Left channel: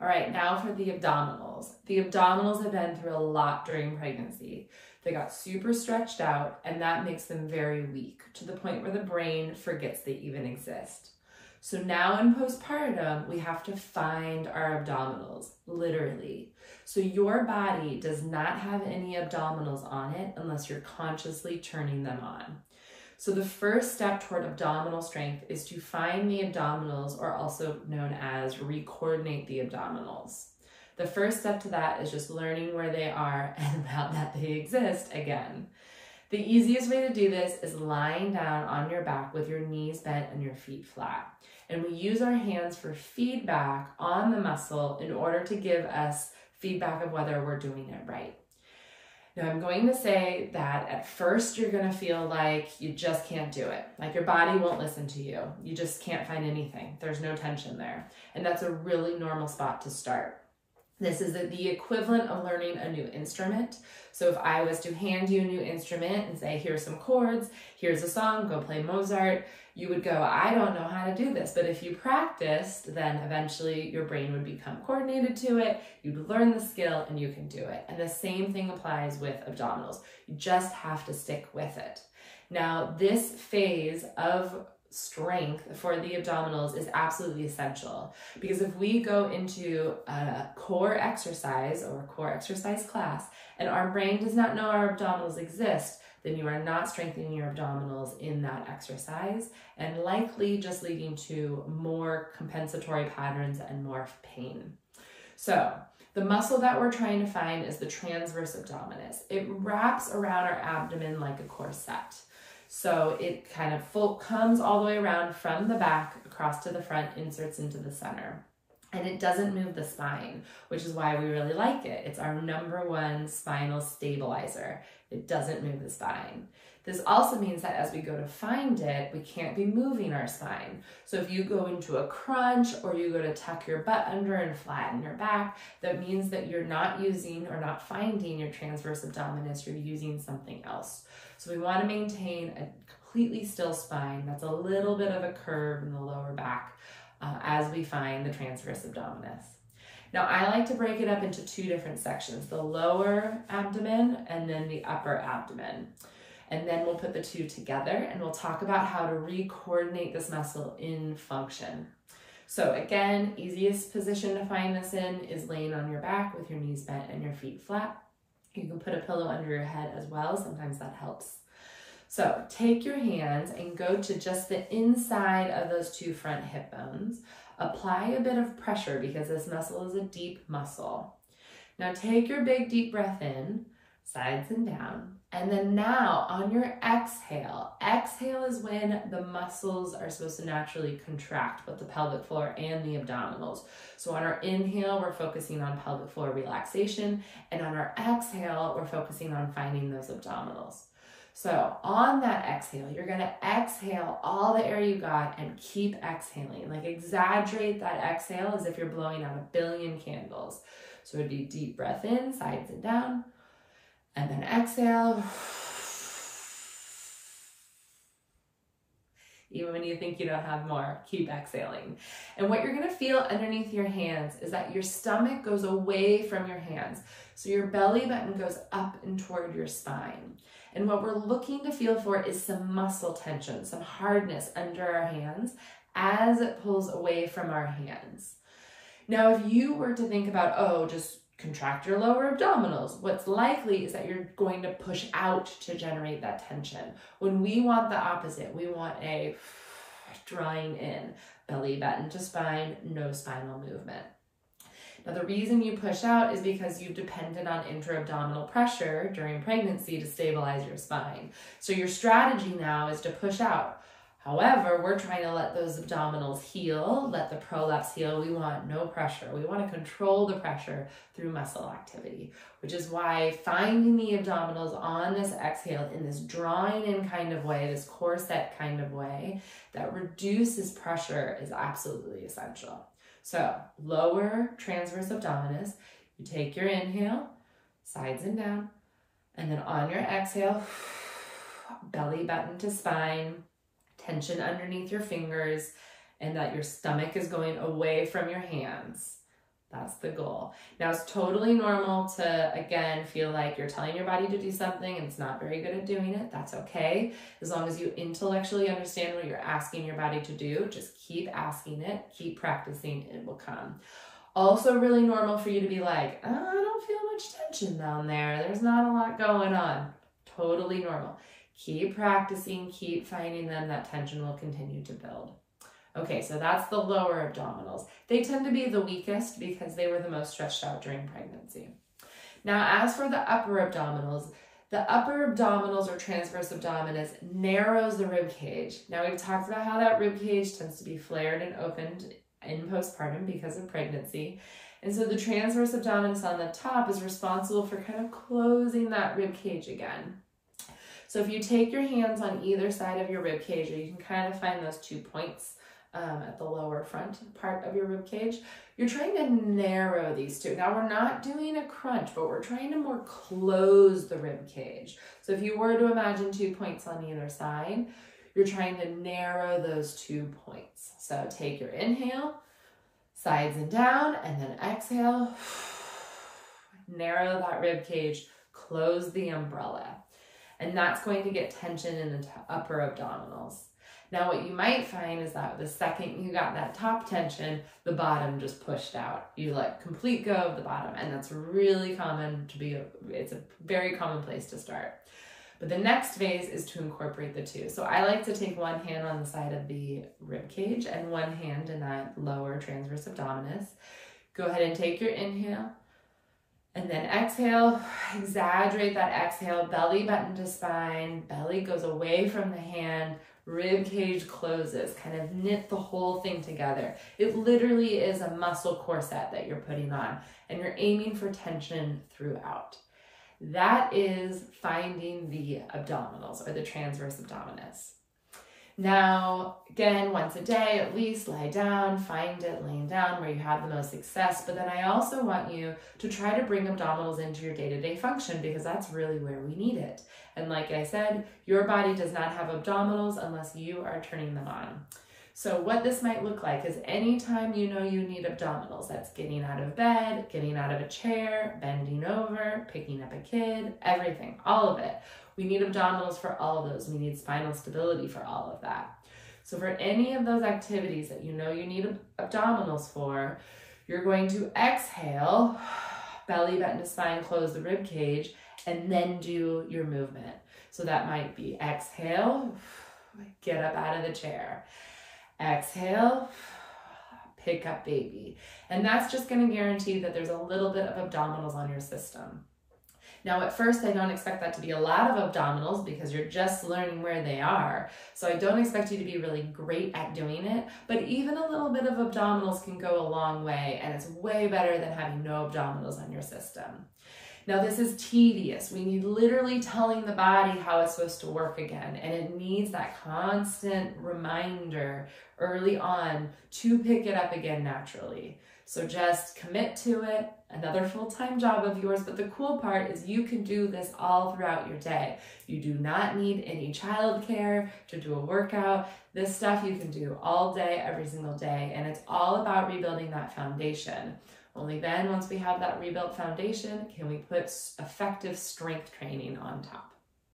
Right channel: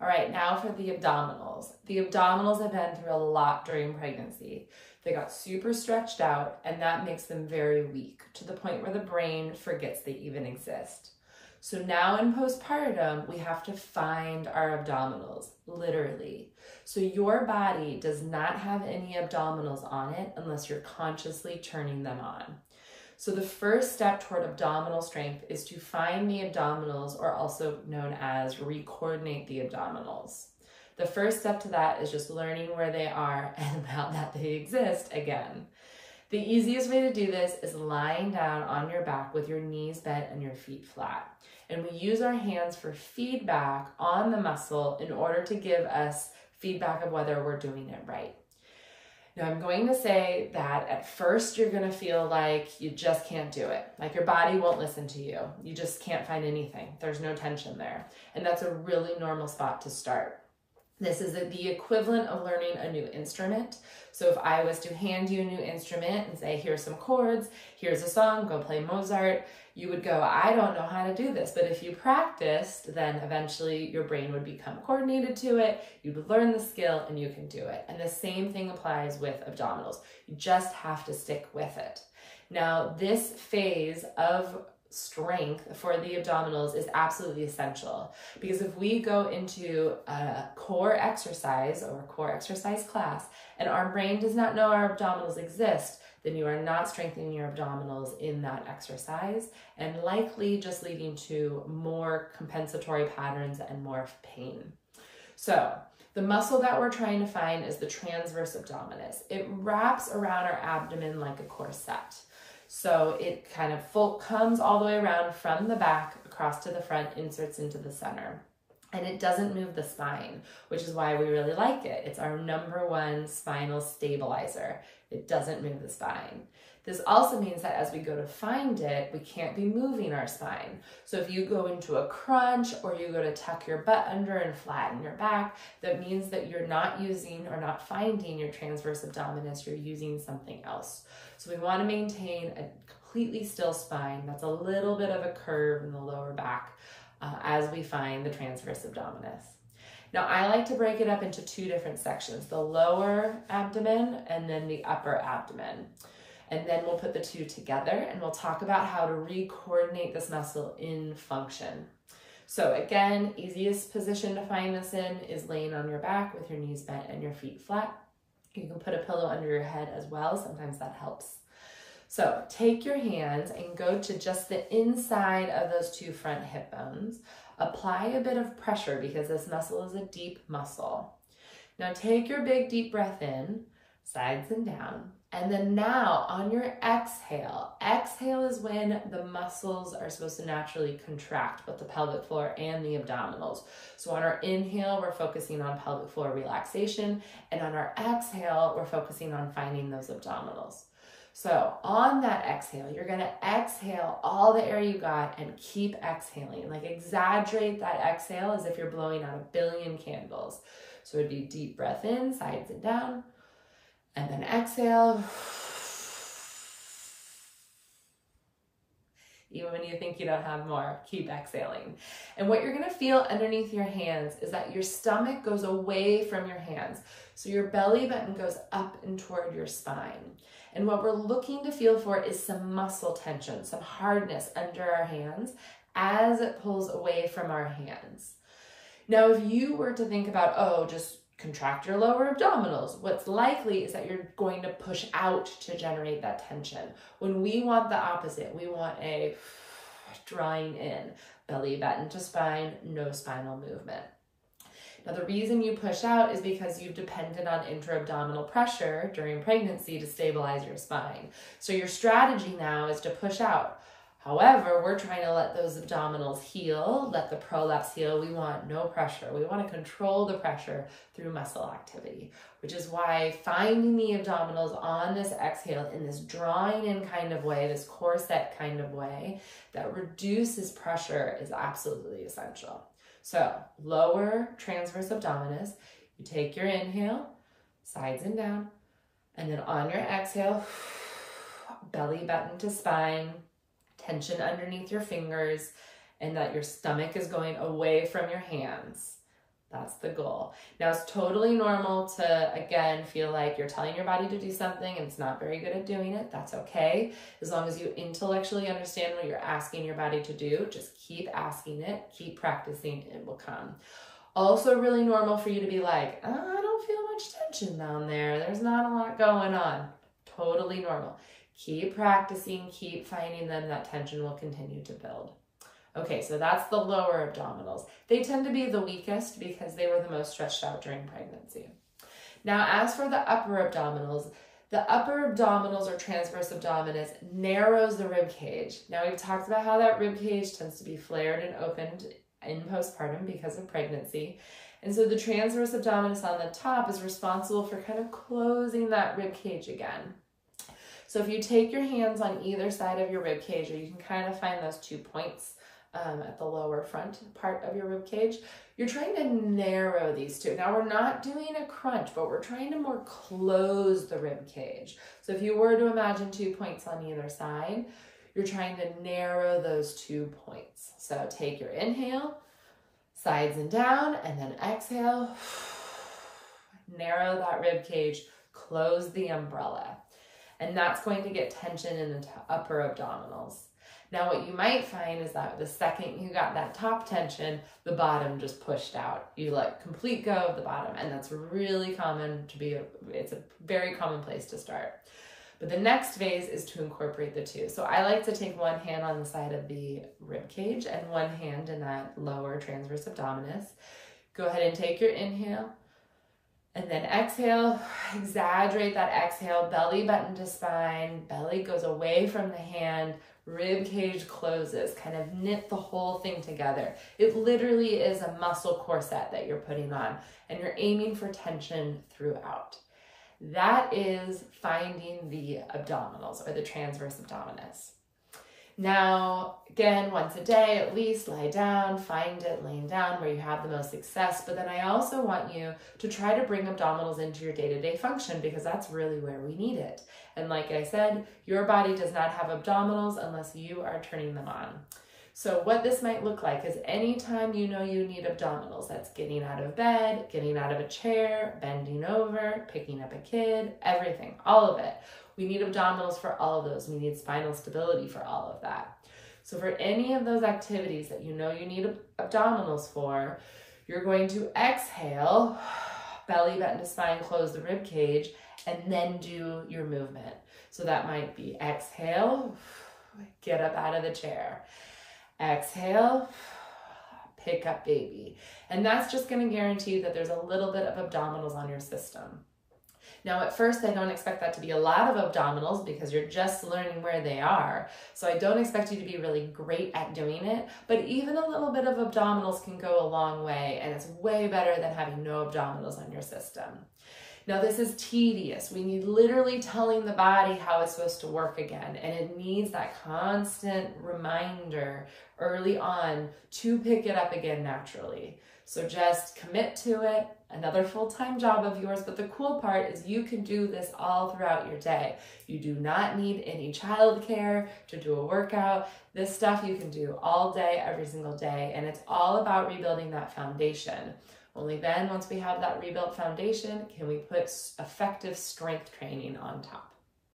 All right, now for the abdominals. The abdominals have been through a lot during pregnancy. They got super stretched out, and that makes them very weak to the point where the brain forgets they even exist. So now in postpartum, we have to find our abdominals, literally. So your body does not have any abdominals on it unless you're consciously turning them on. So the first step toward abdominal strength is to find the abdominals, or also known as recoordinate the abdominals. The first step to that is just learning where they are and about that they exist again. The easiest way to do this is lying down on your back with your knees bent and your feet flat. And we use our hands for feedback on the muscle in order to give us feedback of whether we're doing it right. Now, I'm going to say that at first you're going to feel like you just can't do it. Like your body won't listen to you. You just can't find anything. There's no tension there. And that's a really normal spot to start. This is the equivalent of learning a new instrument. So if I was to hand you a new instrument and say, here's some chords, here's a song, go play Mozart, you would go, I don't know how to do this. But if you practiced, then eventually your brain would become coordinated to it, you'd learn the skill, and you can do it. And the same thing applies with abdominals. You just have to stick with it. Now, this phase of strength for the abdominals is absolutely essential, because if we go into a core exercise or a core exercise class and our brain does not know our abdominals exist, then you are not strengthening your abdominals in that exercise, and likely just leading to more compensatory patterns and more pain. So the muscle that we're trying to find is the transverse abdominis. It wraps around our abdomen like a corset. So it kind of comes all the way around from the back across to the front, inserts into the center. And it doesn't move the spine, which is why we really like it. It's our #1 spinal stabilizer. It doesn't move the spine. This also means that as we go to find it, we can't be moving our spine. So if you go into a crunch or you go to tuck your butt under and flatten your back, that means that you're not using or not finding your transverse abdominis, you're using something else. So we want to maintain a completely still spine. That's a little bit of a curve in the lower back as we find the transverse abdominis. Now, I like to break it up into 2 different sections, the lower abdomen and then the upper abdomen. And then we'll put the 2 together and we'll talk about how to recoordinate this muscle in function. So again, easiest position to find this in is laying on your back with your knees bent and your feet flat. You can put a pillow under your head as well. Sometimes that helps. So take your hands and go to just the inside of those 2 front hip bones. Apply a bit of pressure because this muscle is a deep muscle. Now take your big deep breath in, sides and down. And then now on your exhale is when the muscles are supposed to naturally contract, both the pelvic floor and the abdominals. So on our inhale, we're focusing on pelvic floor relaxation. And on our exhale, we're focusing on finding those abdominals. So on that exhale, you're going to exhale all the air you got and keep exhaling. Like exaggerate that exhale as if you're blowing out 1 billion candles. So it'd be deep breath in, sides and down, and then exhale. Even when you think you don't have more, keep exhaling. And what you're gonna feel underneath your hands is that your stomach goes away from your hands. So your belly button goes up and toward your spine. And what we're looking to feel for is some muscle tension, some hardness under our hands as it pulls away from our hands. Now, if you were to think about, oh, just contract your lower abdominals, what's likely is that you're going to push out to generate that tension. When we want the opposite, we want a drawing in, belly button to spine, no spinal movement. Now, the reason you push out is because you've depended on intra-abdominal pressure during pregnancy to stabilize your spine. So your strategy now is to push out. However, we're trying to let those abdominals heal, let the prolapse heal. We want no pressure. We want to control the pressure through muscle activity, which is why finding the abdominals on this exhale in this drawing in kind of way, this corset kind of way that reduces pressure is absolutely essential. So lower transverse abdominis, you take your inhale, sides and down, and then on your exhale, belly button to spine, tension underneath your fingers, and that your stomach is going away from your hands. That's the goal. Now, it's totally normal to, again, feel like you're telling your body to do something and it's not very good at doing it. That's okay. As long as you intellectually understand what you're asking your body to do, just keep asking it, keep practicing, it will come. Also really normal for you to be like, oh, I don't feel much tension down there. There's not a lot going on. Totally normal. Keep practicing, keep finding them. That tension will continue to build. Okay, so that's the lower abdominals. They tend to be the weakest because they were the most stretched out during pregnancy. Now, as for the upper abdominals or transverse abdominis narrows the rib cage. Now, we've talked about how that rib cage tends to be flared and opened in postpartum because of pregnancy. And so the transverse abdominis on the top is responsible for kind of closing that rib cage again. So if you take your hands on either side of your rib cage, or you can kind of find those 2 points at the lower front part of your rib cage, you're trying to narrow these two. Now, we're not doing a crunch, but we're trying to more close the rib cage. So if you were to imagine 2 points on either side, you're trying to narrow those 2 points. So take your inhale, sides and down, and then exhale, narrow that rib cage, close the umbrella. And that's going to get tension in the upper abdominals. Now, what you might find is that the second you got that top tension, the bottom just pushed out. You let complete go of the bottom, and that's really common to be, it's a very common place to start. But the next phase is to incorporate the two. So I like to take one hand on the side of the rib cage and one hand in that lower transverse abdominis. Go ahead and take your inhale. And then exhale, exaggerate that exhale, belly button to spine, belly goes away from the hand, rib cage closes, kind of knit the whole thing together. It literally is a muscle corset that you're putting on, and you're aiming for tension throughout. That is finding the abdominals or the transverse abdominis. Now, again, once a day at least, lie down, find it laying down where you have the most success. But then I also want you to try to bring abdominals into your day-to-day function, because that's really where we need it. And like I said, your body does not have abdominals unless you are turning them on. So what this might look like is anytime you know you need abdominals, that's getting out of bed, getting out of a chair, bending over, picking up a kid, everything, all of it. We need abdominals for all of those. We need spinal stability for all of that. So for any of those activities that you know you need abdominals for, you're going to exhale, belly button to spine, close the rib cage, and then do your movement. So that might be exhale, get up out of the chair. Exhale, pick up baby. And that's just going to guarantee that there's a little bit of abdominals on your system. Now, at first, I don't expect that to be a lot of abdominals because you're just learning where they are. So I don't expect you to be really great at doing it, but even a little bit of abdominals can go a long way, and it's way better than having no abdominals on your system. Now, this is tedious. We need literally telling the body how it's supposed to work again, and it needs that constant reminder early on to pick it up again naturally. So just commit to it, another full-time job of yours, but the cool part is you can do this all throughout your day. You do not need any childcare to do a workout. This stuff you can do all day, every single day, and it's all about rebuilding that foundation. Only then, once we have that rebuilt foundation, can we put effective strength training on top.